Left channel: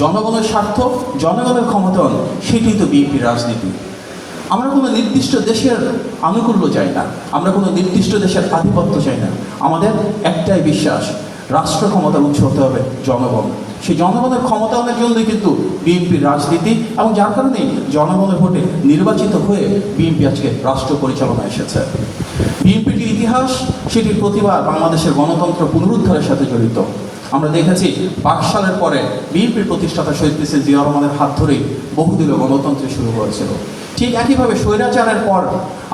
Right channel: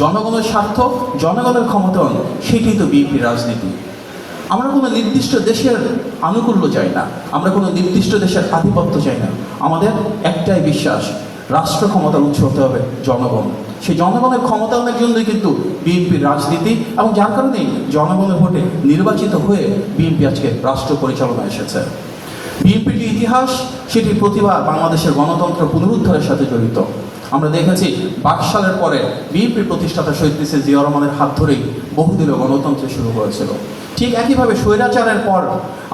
জনগণের স্বার্থ, জনগণের ক্ষমতায়ন, সেটাই তো বিএনপির রাজনীতি। আমরা কোনো নির্দিষ্ট দেশের আনুকূল্য চাই না, আমরা কোনো নির্দিষ্ট দেশের আধিপত্য চাই না। আমাদের একটাই বিশ্বাস, রাষ্ট্র ক্ষমতার উৎস হতে হবে জনগণ। সেই জনগণের ক্ষমতায়নের জন্যই কিন্তু বিএনপির রাজনীতি, এবং যার কারণেই জনগণের ভোটে নির্বাচিত হয়ে বিএনপি আজকে রাষ্ট্র পরিচালনায় এসেছে। বিএনপির যে ইতিহাস, সেটির প্রতিভা বাংলাদেশের গণতন্ত্র পুনরুদ্ধারের সাথে জড়িত। আমরা দেখেছি 22 সালের পরে বিএনপির প্রতিষ্ঠাতা শহীদ প্রেসিডেন্ট জিয়া রহমানের হাত ধরেই বহুদলীয় গণতন্ত্র শুরু হয়েছিল। ঠিক একইভাবে স্বৈরাচারের পর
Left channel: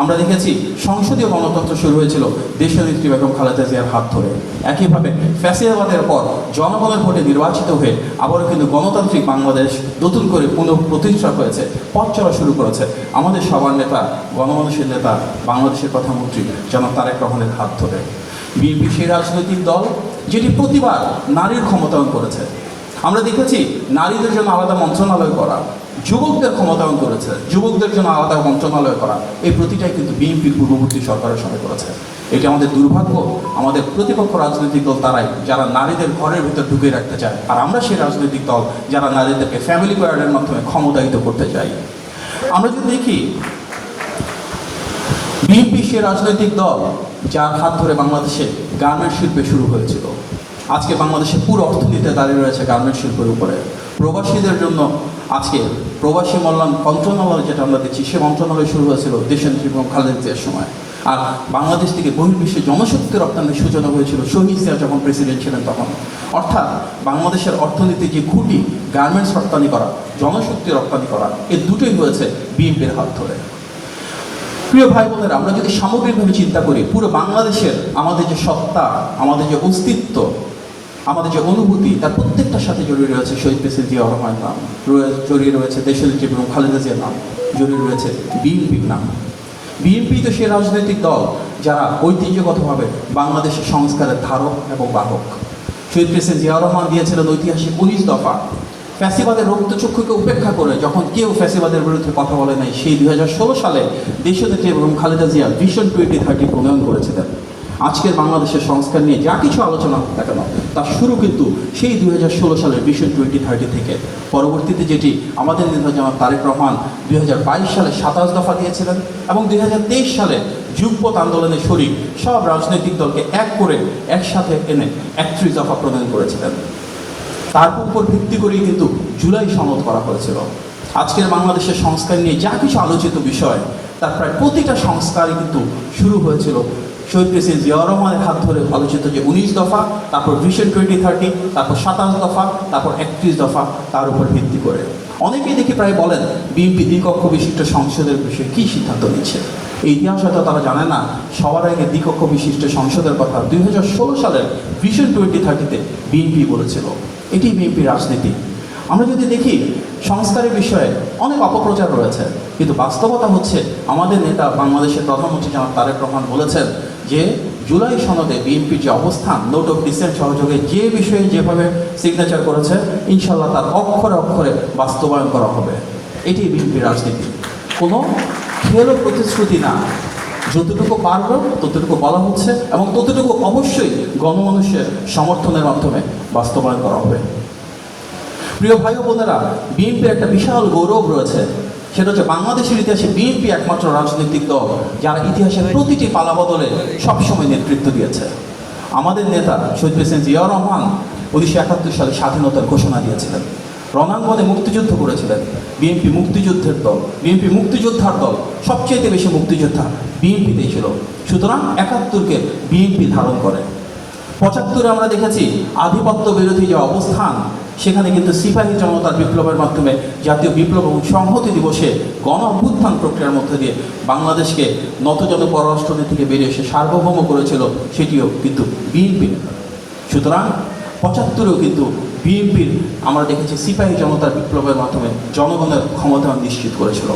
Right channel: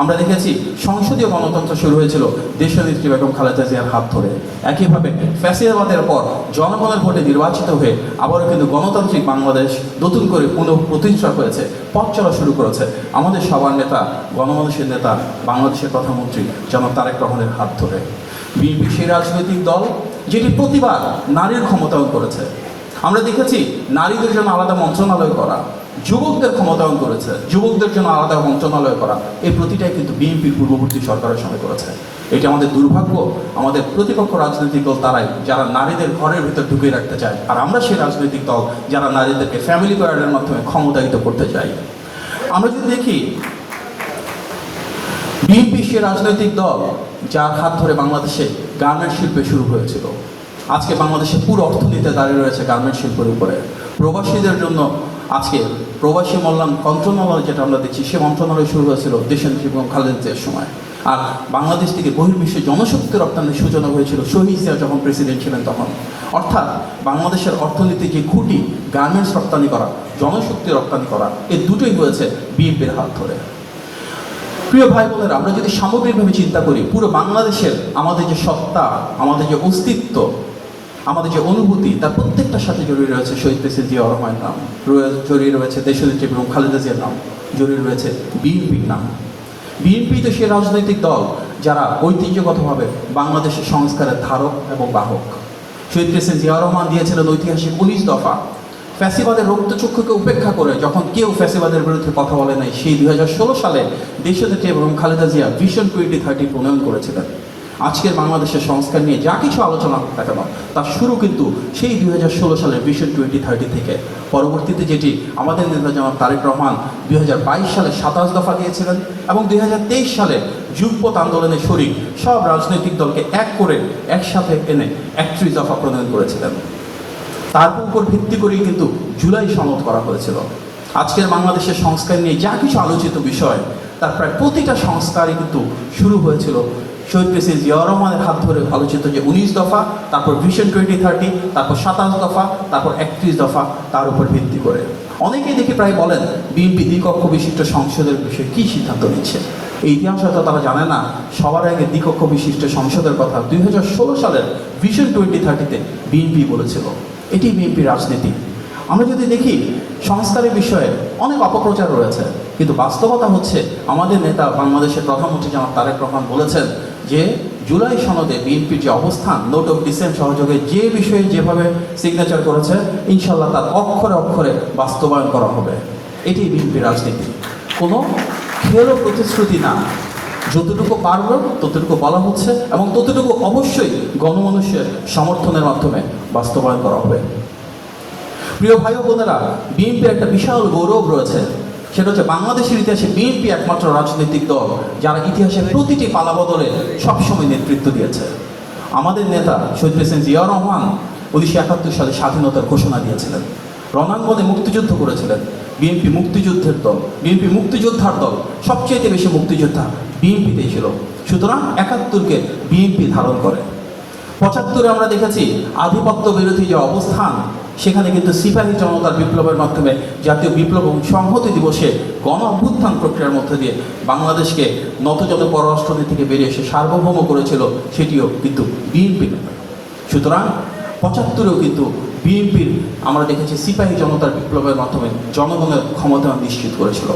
আমরা দেখেছি সংসদীয় গণতন্ত্র শুরু হয়েছিল দেশনেত্রী বেগম খালেদা জিয়ার হাত ধরে। একইভাবে ফ্যাসিবাদের পর জনগণের ভোটে নির্বাচিত হয়ে আবারও কিন্তু গণতান্ত্রিক বাংলাদেশ নতুন করে পুনঃপ্রতিষ্ঠা হয়েছে, পথ চলা শুরু করেছে আমাদের সবার নেতা, গণমানুষের নেতা, বাংলাদেশের প্রধানমন্ত্রী জনাব তারেক রহমানের হাত ধরে। বিএনপি সেই রাজনৈতিক দল যেটি প্রতিবার নারীর ক্ষমতায়ন করেছে। আমরা দেখেছি নারীদের জন্য আলাদা মন্ত্রণালয় করা, যুবকদের ক্ষমতায়ন করেছে, যুবকদের জন্য আলাদা মন্ত্রণালয় করা, এই প্রতিটাই কিন্তু বিএনপির পূর্ববর্তী সরকারের সময় করেছে। এটি আমাদের দুর্ভাগ্য। আমাদের প্রতিপক্ষ রাজনৈতিক দল তারাই যারা নারীদের ঘরের ভিতর ঢুকিয়ে রাখতে চায়, আর আমরা সেই রাজনৈতিক দল যারা নারীদেরকে ফ্যামিলি প্যারেডের মাধ্যমে ক্ষমতায়িত করতে চাই। আমরা যদি দেখি বিএনপি সে রাজনৈতিক দল যার হাত ধরে বাংলাদেশে গার্মেন্ট শিল্পে শুরু হয়েছিল। আজকে বাংলাদেশের পুরো অর্থনীতি দাঁড়িয়ে রয়েছে গার্মেন্ট শিল্পের উপরে। প্রবাসীদের জন্য আজকে প্রবাসী কল্যাণ মন্ত্রণালয় যেটা আমরা দেখছি, সে মন্ত্রণালয় শুরু হয়েছিল দেশনেত্রী বেগম খালেদা জিয়ার সময়। আর বাংলাদেশ থেকে বহির্বিশ্বে জনশক্তি রপ্তানির সূচনা হয়েছিল শহীদ জিয়া যখন প্রেসিডেন্ট ছিলেন তখন। অর্থাৎ বাংলাদেশের অর্থনীতির যে খুঁটি, গার্মেন্টস রপ্তানি করা, জনশক্তি রপ্তানি করা, এই দুটোই হয়েছে বিএনপির হাত ধরে। প্রিয় ভাই বোনেরা, আমরা যদি সামগ্রিকভাবে চিন্তা করি, পুরো বাংলাদেশের আমাদের যে সত্তা, আমাদের যে অস্তিত্ব, আমাদের যে অনুভূতি, তার প্রত্যেকটার সাথে জড়িয়ে রয়েছে শহীদ প্রেসিডেন্ট জিয়া রহমানের নাম, জড়িয়ে রয়েছে দেশনেত্রী বেগম খালেদা জিয়ার নাম, জড়িয়ে রয়েছে বিএনপির নাম। বিএনপি তো সে রাজনৈতিক দল যারা ঐতিহ্যগতভাবে বাংলাদেশের সংস্কারের ধারক এবং বাহক। শহীদ প্রেসিডেন্ট জিয়া রহমান দিয়েছিলেন ঐতিহাসিক 19 দফা। ফ্যাসিবাদের রক্তচক্ষুকে উপেক্ষা করে যখন কেউ ফ্যাসিবাদের বিরুদ্ধে কথা বলে নাই, সেই 2016 সালে দেশনেত্রী বেগম খালেদা জিয়া ভিশন 2030 প্রণয়ন করেছিলেন। আজকের বাংলাদেশের সংস্কার নিয়ে যা কিছু আলোচনা হোক না কেন, তার শুরু কিন্তু সেই 2016 সালের ভিশন 2030 থেকে। পরবর্তীতে যেটি আমাদের নেতা জনাব তারেক রহমান 2022 সালে 27 দফা দিয়েছিলেন, এবং 2023 সালে যুগপৎ আন্দোলনের শরিক সব রাজনৈতিক দলকে এক করে একসাথে এনে 31 দফা প্রণয়ন করেছিলেন। তার উপর ভিত্তি করেই কিন্তু জুলাই সনদ করা হয়েছিল। আজকের বাংলাদেশের সংস্কার নিয়ে যা কিছু আলোচিত বিষয়, তার প্রায় প্রতিটা সংস্কারই কিন্তু শুরু হয়েছিল শহীদ প্রেসিডেন্ট জিয়া রহমানের হাত ধরে আলোচিত যে 19 দফা, তারপর ভিশন 2030, তারপর 27 দফা, তারপর 31 দফা, তার উপর ভিত্তি করে। অনেকেই দেখি প্রায় বলেন বিএনপি দ্বিকক্ষ বিশিষ্ট সংসদের বিষয়ে কী সিদ্ধান্ত নিচ্ছে। এই ইতিহাস হয়তো তারা জানে না, সবার আগে দ্বিকক্ষ বিশিষ্ট সংসদের কথা 2016 সালের ভিশন 2030-তে বিএনপি বলেছিল। এটি বিএনপির রাজনীতি। আমরা যদি দেখি সংস্কারের বিষয়ে অনেক অপপ্রচার রয়েছে, কিন্তু বাস্তবতা হচ্ছে আমাদের নেতা বাংলাদেশের প্রধানমন্ত্রী জনাব তারেক রহমান বলেছেন যে জুলাই সনদে বিএনপির যে অবস্থান, নোট অফ ডিসেন্ট সহযোগে যে বিষয়ে যেভাবে সিগনেচার করেছে, ইনশাল্লাহ তার অক্ষরে অক্ষরে বাস্তবায়ন করা হবে। এটি বিএনপির রাজনীতি, কোনো খেয়াল প্রতিশ্রুতি না। যতটুকু পারবে ততটুকু বলা হচ্ছে, এবং ততটুকু অবশ্যই গণমানুষের সমর্থনের মাধ্যমে বাস্তবায়ন করা হবে। প্রিয় ভাই ও বোনেরা, বিএনপির একটা বিশাল গৌরব রয়েছে, সেটা হচ্ছে বাংলাদেশের ইতিহাসে বিএনপি একমাত্র রাজনৈতিক দল যারা ইতিহাসের প্রতিটি পালাবদলে সবসময় নেতৃত্ব দিয়েছে। আমাদের নেতা শহীদ প্রেসিডেন্ট জিয়া রহমান 1971 সালে স্বাধীনতার ঘোষণা দিয়েছিলেন, রণাঙ্গনে মুক্তিযুদ্ধ করেছিলেন। বিএনপি মুক্তিযুদ্ধের দল, বিএনপি মুক্তিযোদ্ধার দল, সবচেয়ে বেশি মুক্তিযোদ্ধা বিএনপিতেই ছিল। সুতরাং 71-কে বিএনপি ধারণ করে। 75-এ আমরা দেখেছি আধিপত্য বিরোধী যে অবস্থান, সেখানে কিন্তু সিপাহী জনতার বিপ্লবের মাধ্যমে জাতীয় বিপ্লব এবং সংহতি দিবসে গণ অভ্যুত্থান প্রক্রিয়ার মধ্যে দিয়ে বাংলাদেশকে নতজাত পররাষ্ট্রনীতি থেকে বেরিয়ে এসে সার্বভৌম করেছিল, সেটিও কিন্তু বিএনপি। সুতরাং 75-এও কিন্তু বিএনপির আমরা দেখেছি সিপাহী জনতার বিপ্লবের মাধ্যমে জনগণের ক্ষমতা নিশ্চিত করেছিল।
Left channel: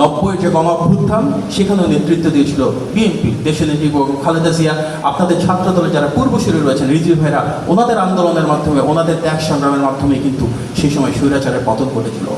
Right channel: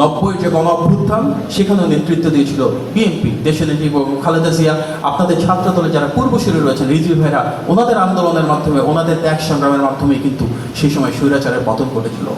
90-এর যে গণ অভ্যুত্থান, সেখানেও নেতৃত্ব দিয়েছিল বিএনপি। দেশনেত্রী বেগম খালেদা জিয়া, আপনাদের ছাত্র দলে যারা পূর্বসূরি রয়েছেন রিজভী ভাইরা, ওনাদের আন্দোলনের মাধ্যমে, ওনাদের ত্যাগ সংগ্রামের মাধ্যমেই কিন্তু সেই সময় স্বৈরাচারের পতন ঘটেছিল।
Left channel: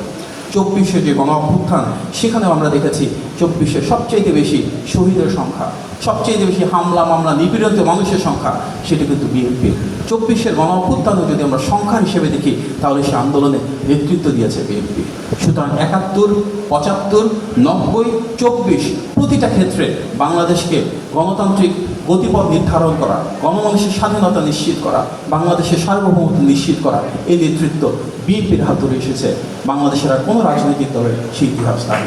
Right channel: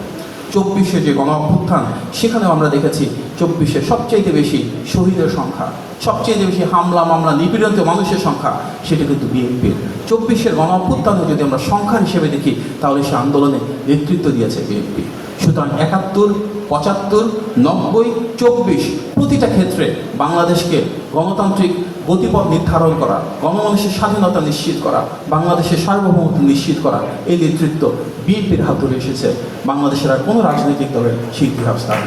24-এ যে গণ অভ্যুত্থান, সেখানেও আমরা দেখেছি 24-এ সবচেয়ে বেশি শহীদের সংখ্যা, সবচেয়ে বেশি হামলা মামলা নিপীড়িত মানুষের সংখ্যা, সেটি কিন্তু বিএনপির। 24-এর গণ অভ্যুত্থানে যদি আমরা সংখ্যা হিসেবে দেখি, তাহলে সে আন্দোলনে নেতৃত্ব দিয়েছে বিএনপি। সুতরাং 71, 75, 90, 24 প্রতিটা ক্ষেত্রে বাংলাদেশকে গণতান্ত্রিক গতিপথ নির্ধারণ করা, গণমানুষের স্বাধীনতা নিশ্চিত করা, বাংলাদেশের সার্বভৌমত্ব নিশ্চিত করা, এই নেতৃত্ব বিএনপির হাত ধরে এসেছে। বাংলাদেশের আর কোনো রাজনৈতিক দলের সেই ইতিহাস নাই।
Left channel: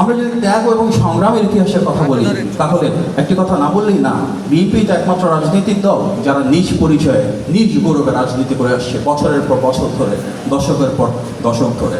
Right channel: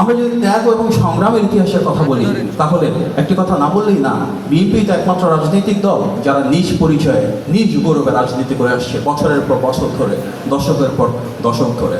আমরা যদি ত্যাগ এবং সংগ্রামের ইতিহাসের কথা বলি, তাহলে একটি কথা না বললেই না, বিএনপি তো একমাত্র রাজনৈতিক দল যারা নিজ পরিচয়ে নিজ গৌরবে রাজনীতি করে আসছে বছরের পর বছর ধরে, দশকের পর দশক ধরে।